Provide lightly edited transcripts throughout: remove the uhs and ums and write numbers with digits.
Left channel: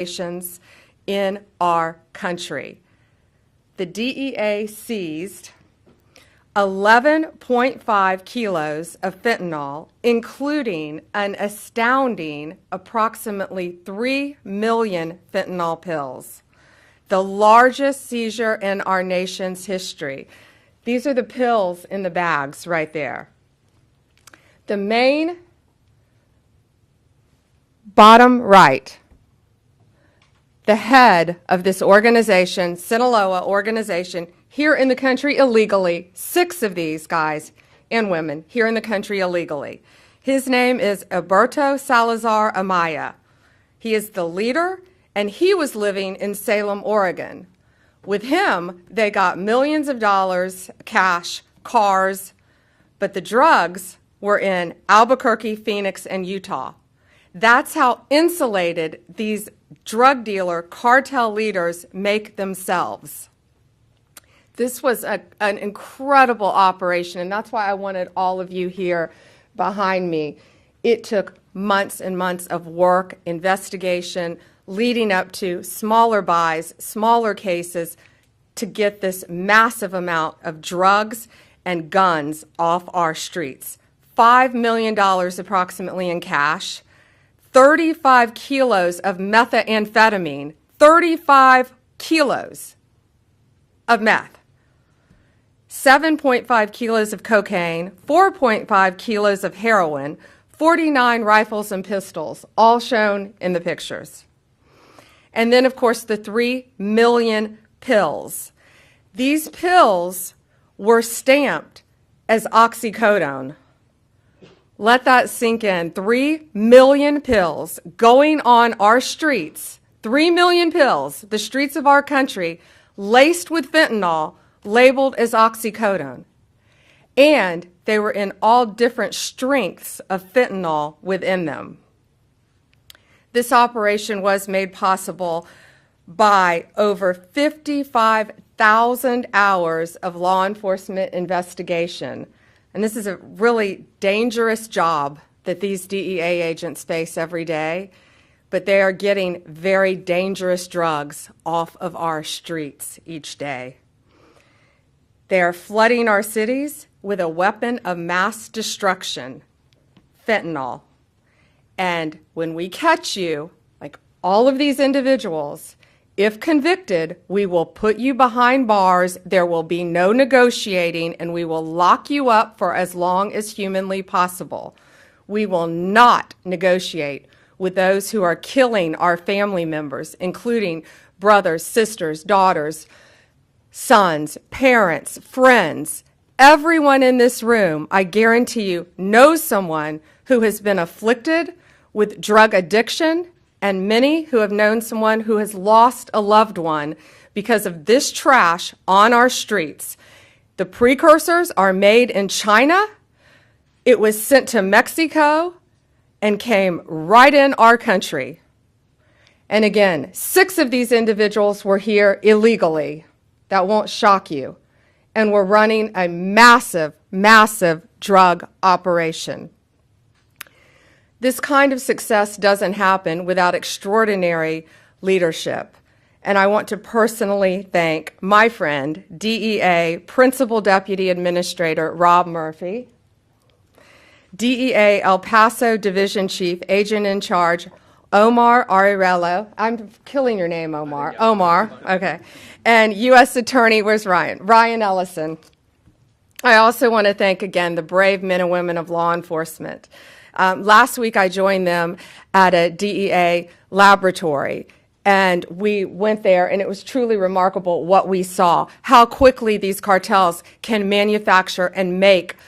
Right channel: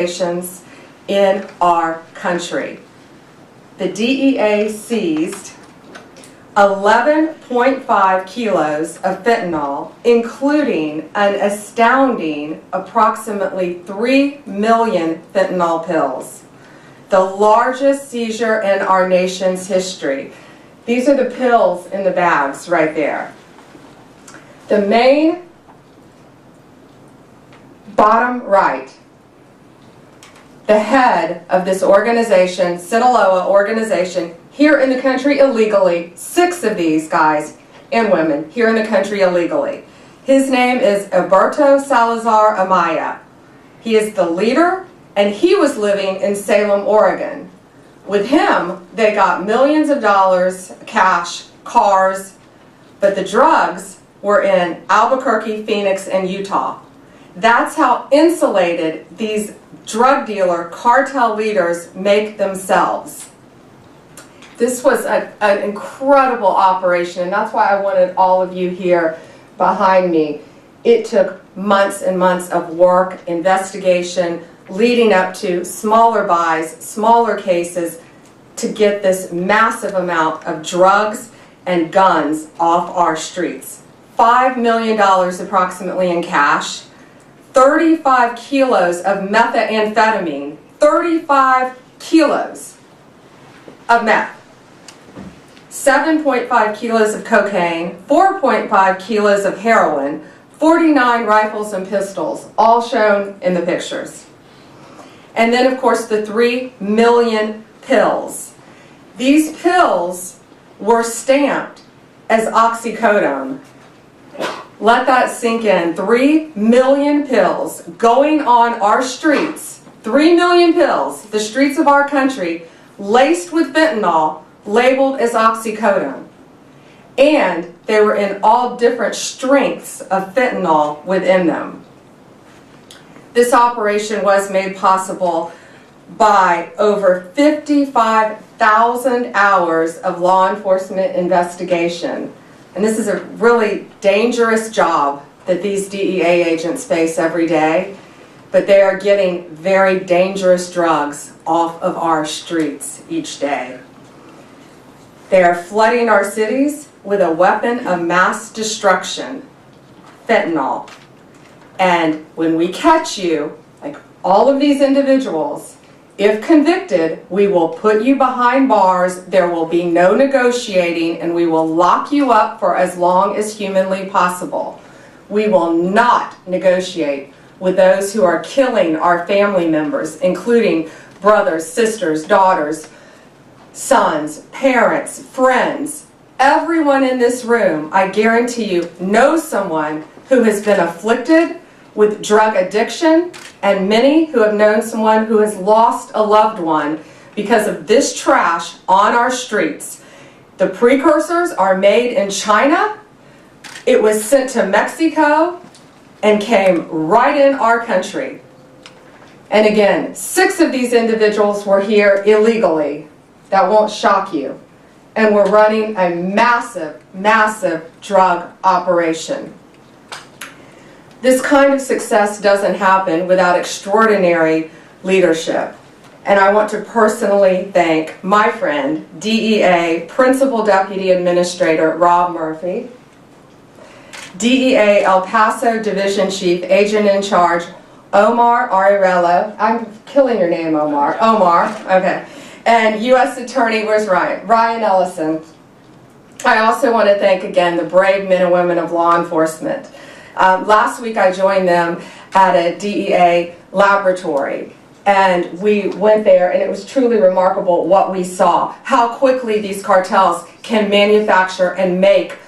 organizations in our country. The DEA seized 11.5 kilos of fentanyl, including an astounding approximately 3 million fentanyl pills, the largest seizure in our nation's history. These are the pills in the bags right there. The main bottom right, the head of this organization, Sinaloa organization, here in the country illegally, 6 of these guys and women here in the country illegally. His name is Alberto Salazar Amaya. He is the leader, and he was living in Salem, Oregon. With him, they got millions of dollars, cash, cars, but the drugs were in Albuquerque, Phoenix, and Utah. That's how insulated these drug dealer cartel leaders make themselves. This was an incredible operation, and that's why I wanted all of you here behind me. It took months and months of work, investigation, leading up to smaller buys, smaller cases, to get this massive amount of drugs and guns off our streets. $5 million approximately in cash, 35 kilos of methamphetamine, 35 kilos of meth, 7.5 kilos of cocaine, 4.5 kilos of heroin, 49 rifles and pistols, all shown in the pictures. And then, of course, the 3 million pills. These pills were stamped as oxycodone. Let that sink in. 3 million pills going on our streets. 3 million pills, the streets of our country, laced with fentanyl, labeled as oxycodone. And they were in all different strengths of fentanyl within them. This operation was made possible by over 55,000 hours of law enforcement investigation. And this is a really dangerous job that these DEA agents face every day, but they are getting very dangerous drugs off of our streets each day. They are flooding our cities with a weapon of mass destruction, fentanyl. And when we catch you, like all of these individuals, if convicted, we will put you behind bars, there will be no negotiating, and we will lock you up for as long as humanly possible. We will not negotiate with those who are killing our family members, including brothers, sisters, daughters, sons, parents, friends. Everyone in this room, I guarantee you, knows someone who has been afflicted with drug addiction, and many who have known someone who has lost a loved one because of this trash on our streets. The precursors are made in China. It was sent to Mexico and came right in our country. And again, 6 of these individuals were here illegally. That won't shock you. And we're running a massive, massive drug operation. This kind of success doesn't happen without extraordinary leadership. And I want to personally thank my friend, DEA Principal Deputy Administrator Rob Murphy, DEA El Paso Division Chief Agent in Charge Omar Arellano. I'm killing your name, Omar. Okay. And U.S. Attorney, where's Ryan? Ryan Ellison. I also want to thank again the brave men and women of law enforcement. Last week I joined them at a DEA laboratory, and we went there, and it was truly remarkable what we saw, how quickly these cartels can manufacture and make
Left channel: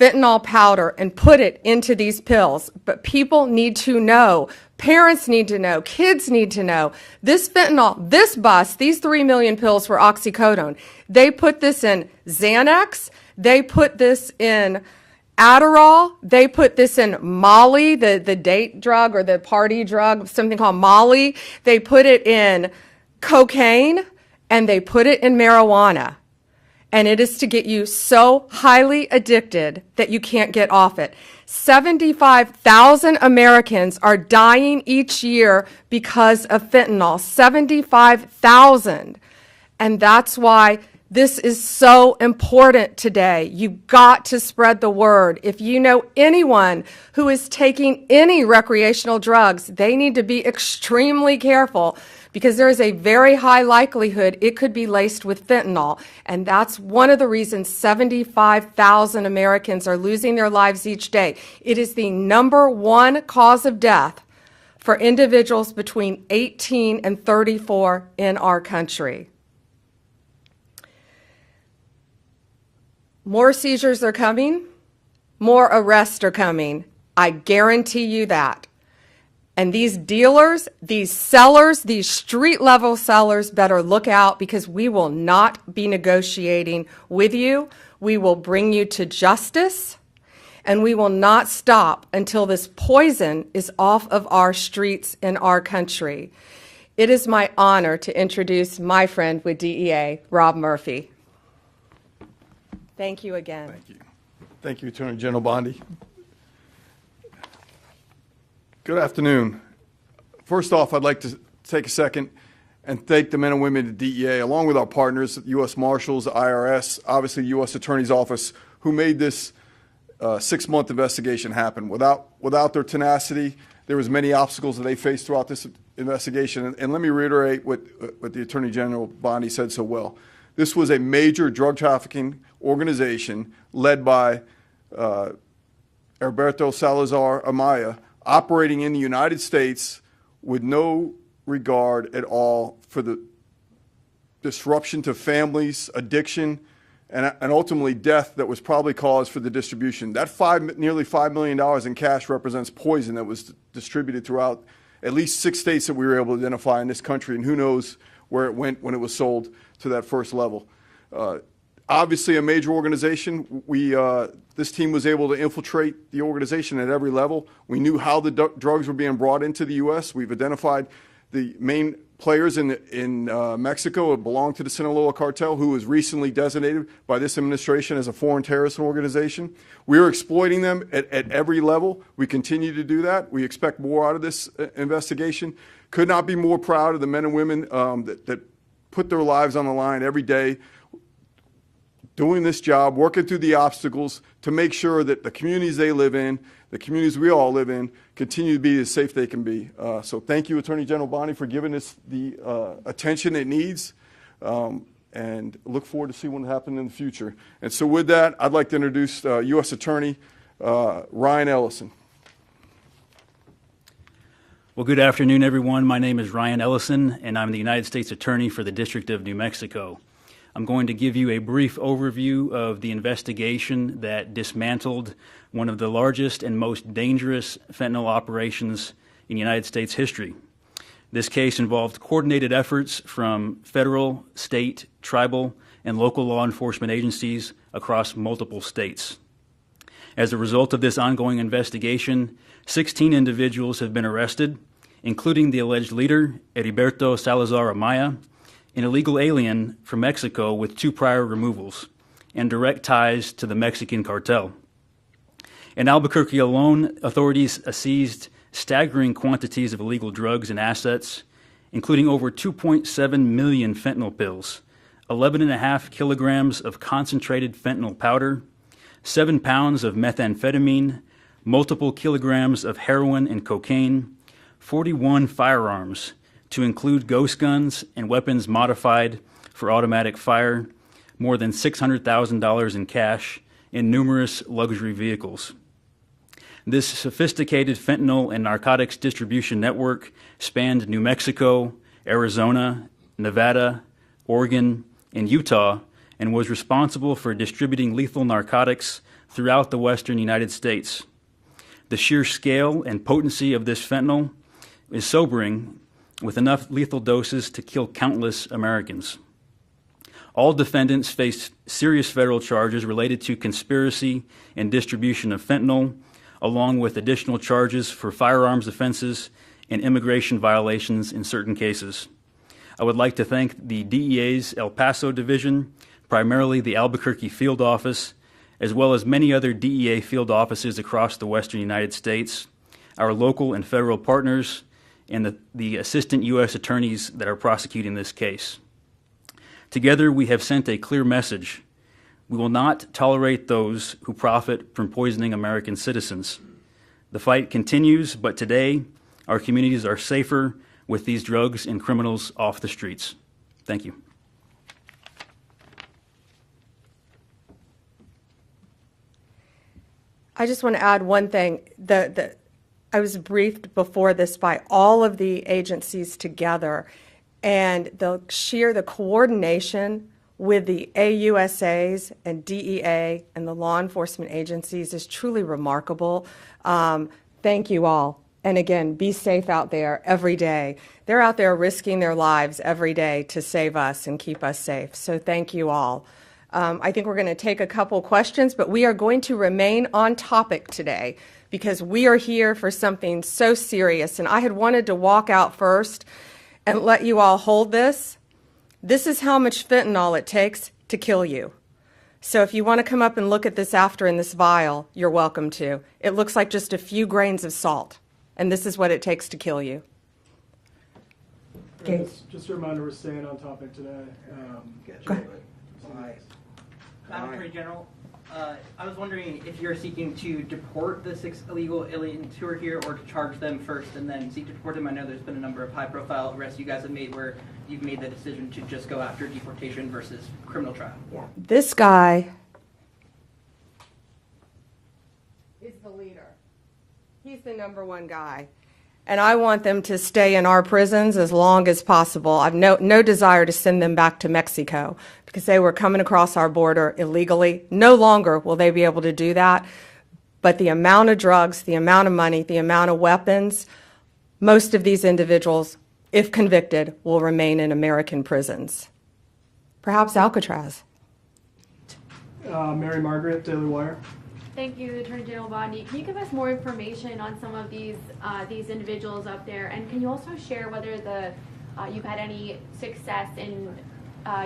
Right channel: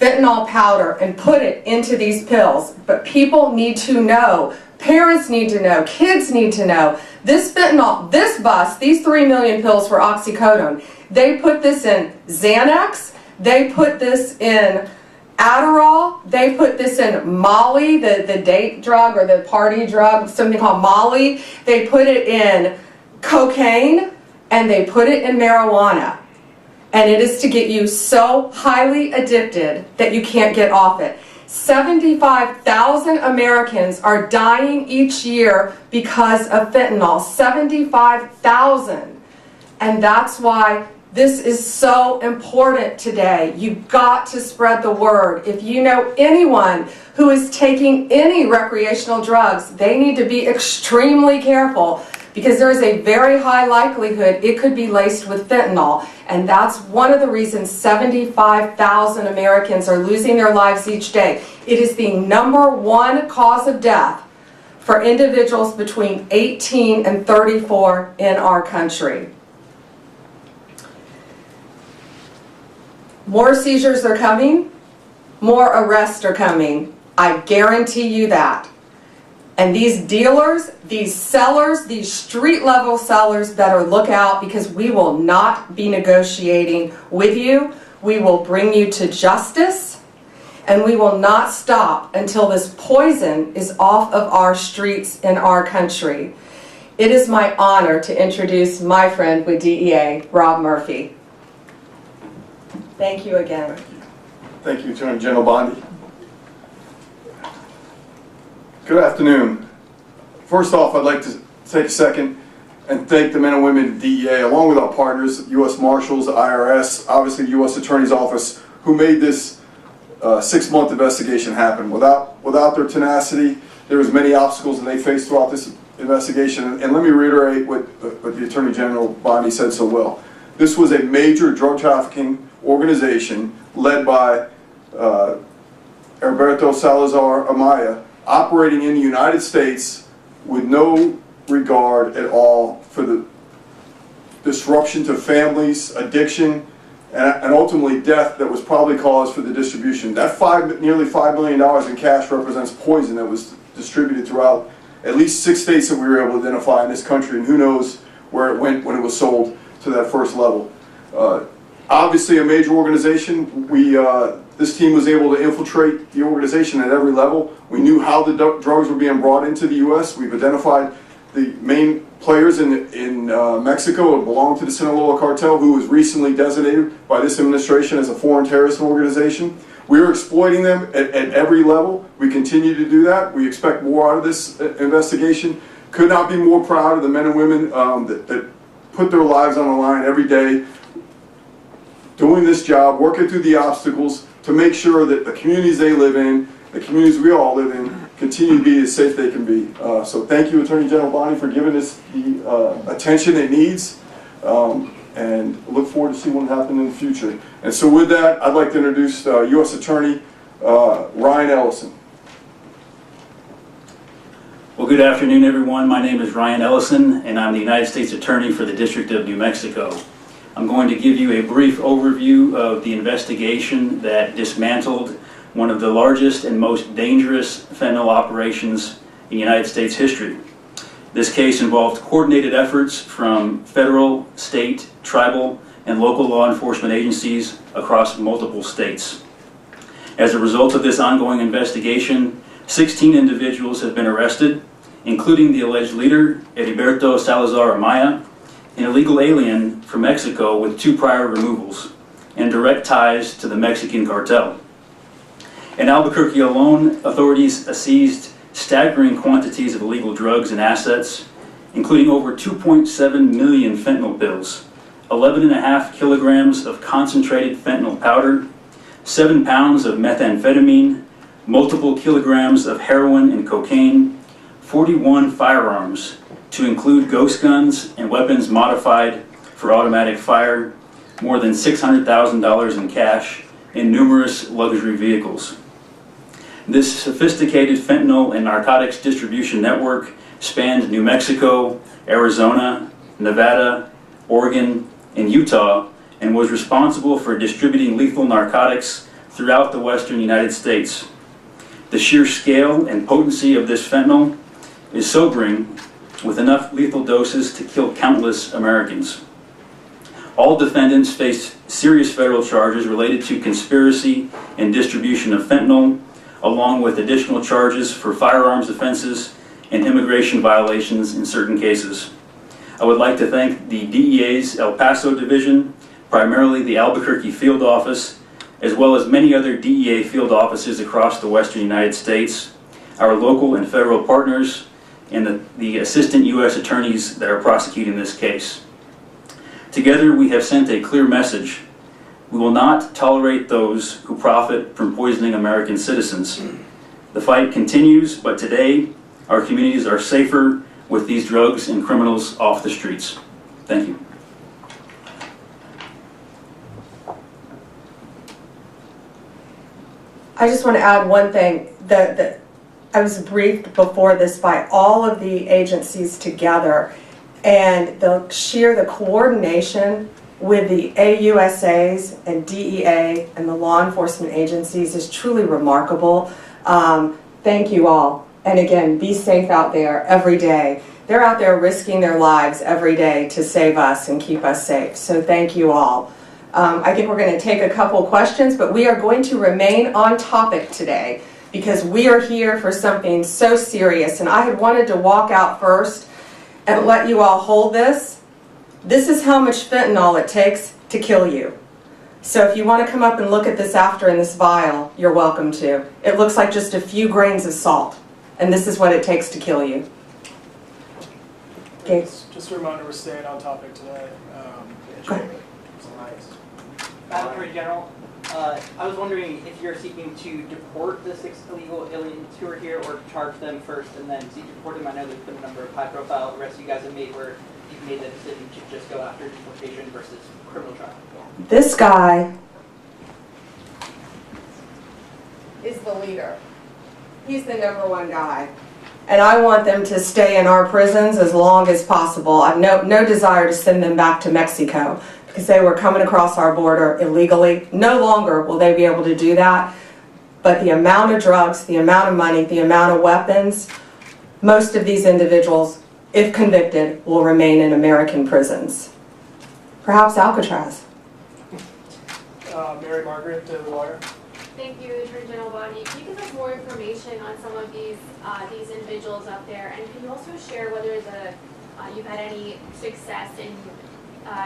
fentanyl powder and put it into these pills. But people need to know, parents need to know, kids need to know, this fentanyl, this bus, these 3 million pills were oxycodone. They put this in Xanax, they put this in Adderall, they put this in Molly, the date drug or the party drug, something called Molly. They put it in cocaine, and they put it in marijuana. And it is to get you so highly addicted that you can't get off it. 75,000 Americans are dying each year because of fentanyl. 75,000. And that's why this is so important today. You've got to spread the word. If you know anyone who is taking any recreational drugs, they need to be extremely careful, because there is a very high likelihood it could be laced with fentanyl. And that's one of the reasons 75,000 Americans are losing their lives each day. It is the #1 cause of death for individuals between 18 and 34 in our country. More seizures are coming, more arrests are coming. I guarantee you that. And these dealers, these sellers, these street-level sellers better look out, because we will not be negotiating with you. We will bring you to justice, and we will not stop until this poison is off of our streets in our country. It is my honor to introduce my friend with DEA, Rob Murphy. Thank you again. Thank you, Attorney General Bondi. Good afternoon. First off, I'd like to take a second and thank the men and women at DEA, along with our partners, U.S. Marshals, the IRS, obviously the U.S. Attorney's Office, who made this 6-month investigation happen. Without their tenacity, there was many obstacles that they faced throughout this investigation. And let me reiterate what the Attorney General Bondi said so well. This was a major drug trafficking organization led by Alberto Salazar Amaya, operating in the United States with no regard at all for the disruption to families, addiction, and ultimately death that was probably caused for the distribution. That nearly $5 million in cash represents poison that was distributed throughout at least 6 states that we were able to identify in this country, and who knows where it went when it was sold to that first level. Obviously a major organization. This team was able to infiltrate the organization at every level. We knew how the drugs were being brought into the U.S. We've identified the main players in Mexico who belong to the Sinaloa cartel, who was recently designated by this administration as a foreign terrorist organization. We are exploiting them at every level. We continue to do that. We expect more out of this investigation. Could not be more proud of the men and women that put their lives on the line every day, doing this job, working through the obstacles to make sure that the communities they live in, the communities we all live in, continue to be as safe they can be. So thank you, Attorney General Bondi, for giving this the attention it needs, and look forward to see what happens in the future. And so with that, I'd like to introduce U.S. Attorney Ryan Ellison. Well, good afternoon, everyone. My name is Ryan Ellison, and I'm the United States Attorney for the District of New Mexico. I'm going to give you a brief overview of the investigation that dismantled one of the largest and most dangerous fentanyl operations in United States history. This case involved coordinated efforts from federal, state, tribal, and local law enforcement agencies across multiple states. As a result of this ongoing investigation, 16 individuals have been arrested, including the alleged leader, Heriberto Salazar Amaya, an illegal alien from Mexico with 2 prior removals and direct ties to the Mexican cartel. In Albuquerque alone, authorities seized staggering quantities of illegal drugs and assets, including over 2.7 million fentanyl pills, 11.5 kilograms of concentrated fentanyl powder, 7 pounds of methamphetamine, multiple kilograms of heroin and cocaine, 41 firearms, to include ghost guns and weapons modified for automatic fire, more than $600,000 in cash, and numerous luxury vehicles. This sophisticated fentanyl and narcotics distribution network spanned New Mexico, Arizona, Nevada, Oregon, and Utah, and was responsible for distributing lethal narcotics throughout the western United States. The sheer scale and potency of this fentanyl is sobering, with enough lethal doses to kill countless Americans. All defendants faced serious federal charges related to conspiracy and distribution of fentanyl, along with additional charges for firearms offenses and immigration violations in certain cases. I would like to thank the DEA's El Paso Division, primarily the Albuquerque Field Office, as well as many other DEA field offices across the western United States, our local and federal partners, and the assistant U.S. attorneys that are prosecuting this case. Together, we have sent a clear message. We will not tolerate those who profit from poisoning American citizens. The fight continues, but today, our communities are safer with these drugs and criminals off the streets. Thank you. I just want to add one thing. I was briefed before this by all of the agencies together, and the coordination with the AUSAs and DEA and the law enforcement agencies is truly remarkable. Thank you all. And again, be safe out there every day. They're out there risking their lives every day to save us and keep us safe. So thank you all. I think we're going to take a couple questions, but we are going to remain on topic today because we are here for something so serious. And I had wanted to walk out first and let you all hold this. This is how much fentanyl it takes to kill you. So if you want to come up and look at this after in this vial, you're welcome to. It looks like just a few grains of salt, and this is what it takes to kill you. Okay. Just a reminder, we're staying on topic today. Madam Attorney General, I was wondering if you're seeking to deport the 6 illegal aliens who are here, or charge them first and then seek to deport them. I know there's been a number of high-profile arrests you guys have made where you've made the decision to just go after deportation versus criminal trial. This guy is the leader. He's the #1 guy. And I want them to stay in our prisons as long as possible. I have no desire to send them back to Mexico because they were coming across our border illegally. No longer will they be able to do that. But the amount of drugs, the amount of money, the amount of weapons, most of these individuals, if convicted, will remain in American prisons. Perhaps Alcatraz. Mary Margaret, Daily Wire. Thank you, Attorney General Bondi. Can you give us more information on some of these individuals up there, and can you also share whether you've had any success in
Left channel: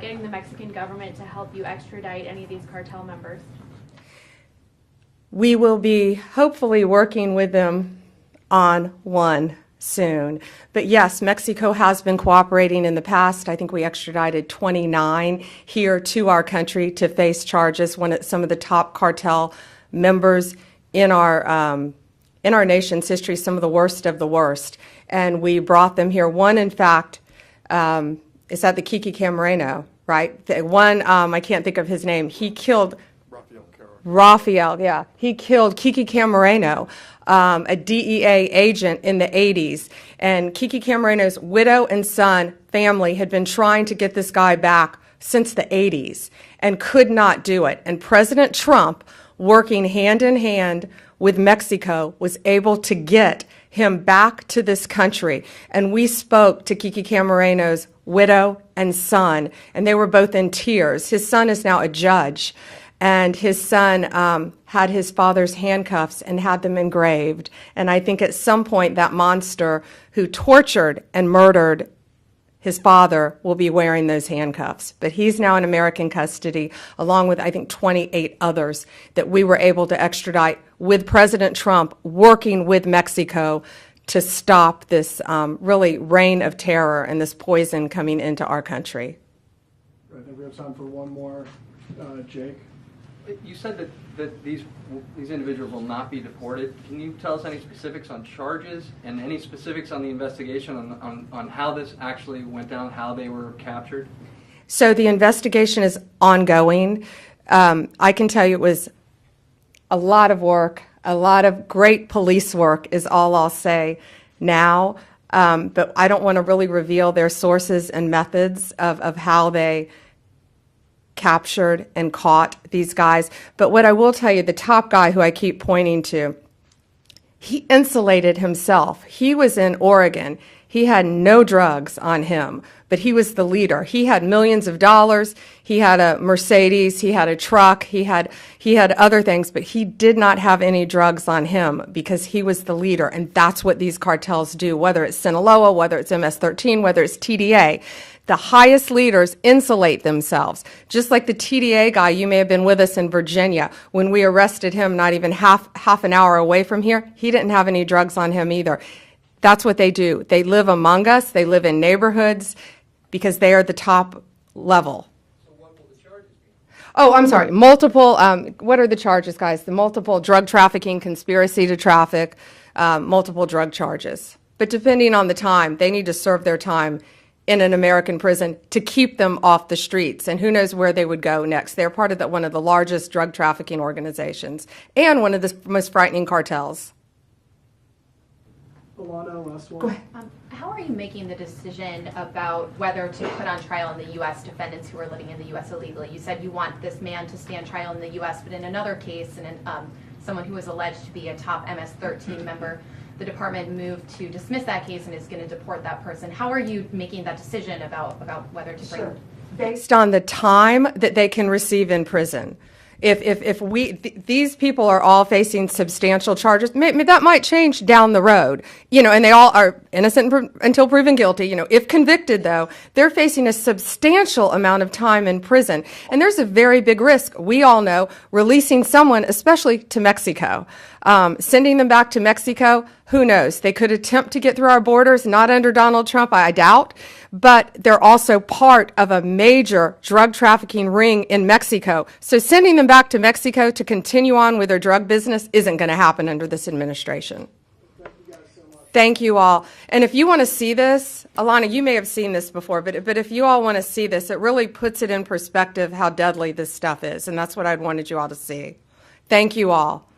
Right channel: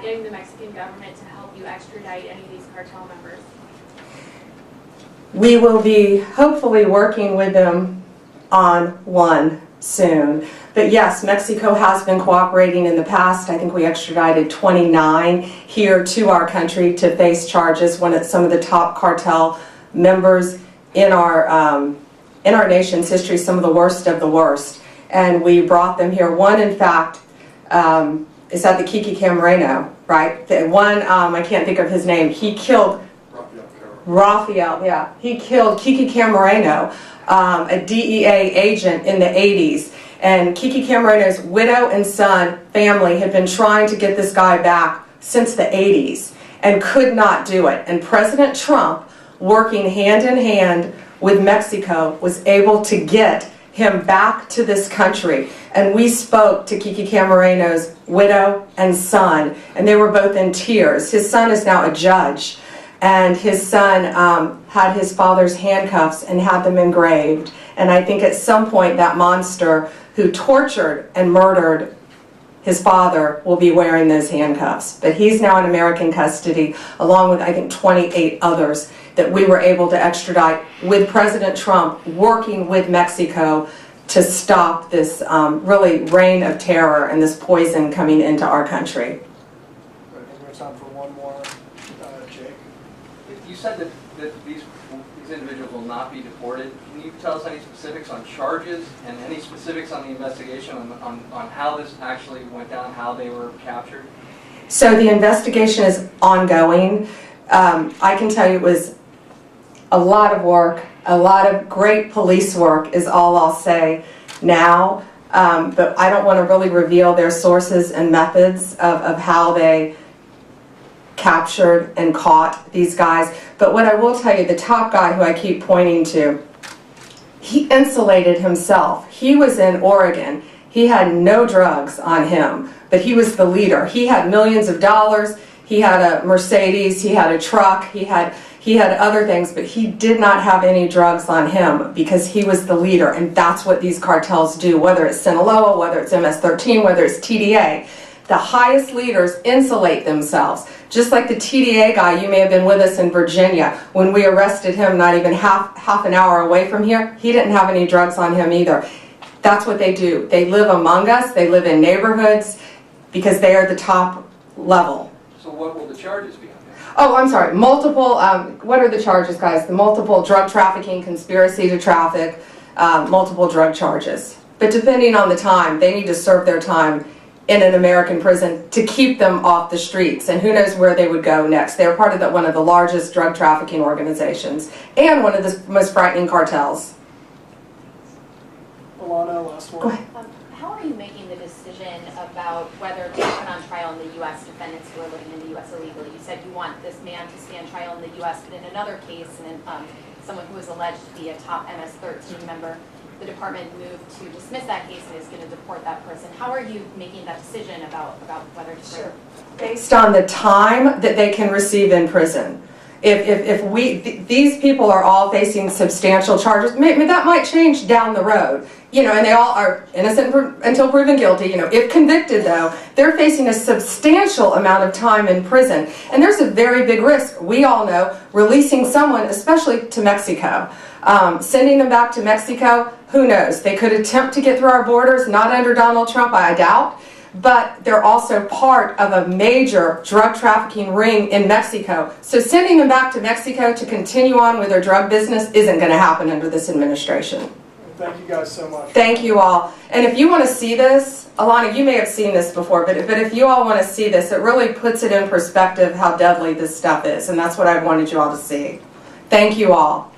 getting the Mexican government to help you extradite any of these cartel members? We will be hopefully working with them on one soon. But yes, Mexico has been cooperating in the past. I think we extradited 29 here to our country to face charges. Some of the top cartel members in our nation's history, some of the worst of the worst. And we brought them here. One, in fact, is at the Kiki Camarena, right? The one, I can't think of his name. He killed Raphael, yeah. He killed Kiki Camarena, a DEA agent in the 80s. And Kiki Camareno's widow and son family had been trying to get this guy back since the 80s and could not do it. And President Trump, working hand in hand with Mexico, was able to get him back to this country. And we spoke to Kiki Camareno's widow and son, and they were both in tears. His son is now a judge, and his son had his father's handcuffs and had them engraved. And I think at some point that monster who tortured and murdered his father will be wearing those handcuffs. But he's now in American custody, along with, I think, 28 others that we were able to extradite with President Trump working with Mexico to stop this really reign of terror and this poison coming into our country. I think we have time for one more. Jake? You said that these individuals will not be deported. Can you tell us any specifics on charges and any specifics on the investigation on how this actually went down, how they were captured? So the investigation is ongoing. I can tell you it was a lot of work, a lot of great police work is all I'll say now. But I don't want to really reveal their sources and methods of how they captured and caught these guys. But what I will tell you, the top guy who I keep pointing to, he insulated himself. He was in Oregon. He had no drugs on him, but he was the leader. He had millions of dollars. He had a Mercedes. He had a truck. He had other things, but he did not have any drugs on him because he was the leader. And that's what these cartels do, whether it's Sinaloa, whether it's MS-13, whether it's TDA. the highest leaders insulate themselves. Just like the TDA guy, you may have been with us in Virginia. When we arrested him, not even half an hour away from here, he didn't have any drugs on him either. That's what they do. They live among us. They live in neighborhoods because they are the top level. So what will the charges be on that? Oh, I'm sorry. Multiple, what are the charges, guys? The multiple drug trafficking, conspiracy to traffic, multiple drug charges. But depending on the time, they need to serve their time in an American prison to keep them off the streets. And who knows where they would go next. They're part of one of the largest drug trafficking organizations and one of the most frightening cartels. Alana, last Go word. ahead. How are you making the decision about whether to put on trial in the U.S. defendants who are living in the U.S. illegally? You said you want this man to stand trial in the U.S., but in another case, someone who was alleged to be a top MS-13 member, the department moved to dismiss that case and is going to deport that person. How are you making that decision about whether to bring? Sure. Based on the time that they can receive in prison. These people are all facing substantial charges, maybe that might change down the road, and they all are innocent until proven guilty. If convicted though, they're facing a substantial amount of time in prison, and there's a very big risk. We all know releasing someone, especially to Mexico, sending them back to Mexico. Who knows? They could attempt to get through our borders, not under Donald Trump, I doubt. But they're also part of a major drug trafficking ring in Mexico. So sending them back to Mexico to continue on with their drug business isn't going to happen under this administration. Thank you guys so much. Thank you all. And if you want to see this, Alana, you may have seen this before, but if you all want to see this, it really puts it in perspective how deadly this stuff is. And that's what I wanted you all to see. Thank you all.